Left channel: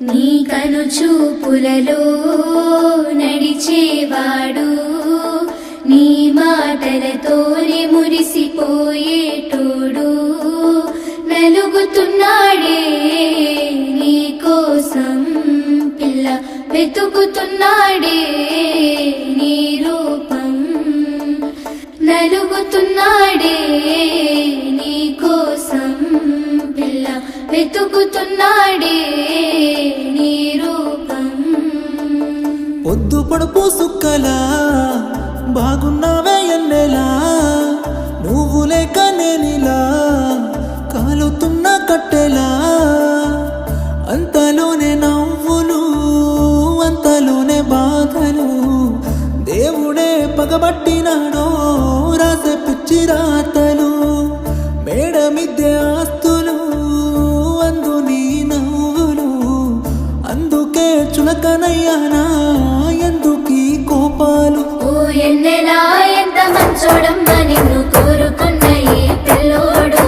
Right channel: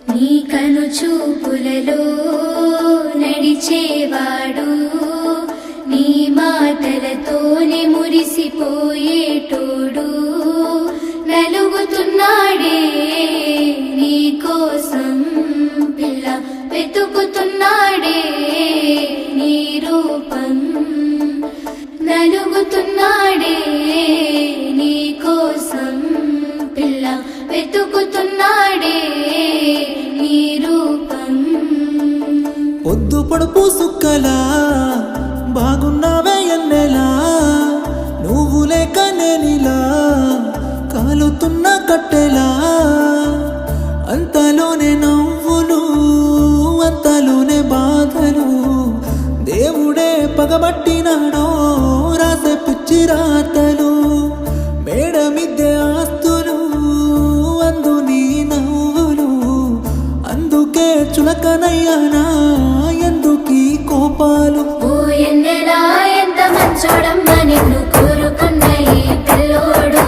నీ కను చూపులలో నడిచేవాడు నీ మాటలతోనే మురిసిపోయేటోడు నలుగుతున్నాడే నీ కోసం పిల్ల వెతుకుతున్నాడే నీ రూపం నలుగుతున్నాడే నీ కోసం పిల్ల వెతుకుతున్నాడే నీ రూపం పొద్దు పొడుపు సుక్కలా బాగున్నావే ఎన్నెలా నువ్వు లేక నేనిలా కాలుతున్న కట్టెలా అంతలోనే నవ్వులు అంతలోనే బాధలు దేవుడే పగబట్టినాడో రాసే పిచ్చి రాతలు మేడ మిద్దె ఆస్తులు అందు నీ నవ్వులు అందుకే చులకనయ్యానా ఎందుకీ కోపాలు ఓ ఎన్నెలా ఎంత మంచోడమ్మ నిన్ను కోరుకున్న ఈ పిల్లోడు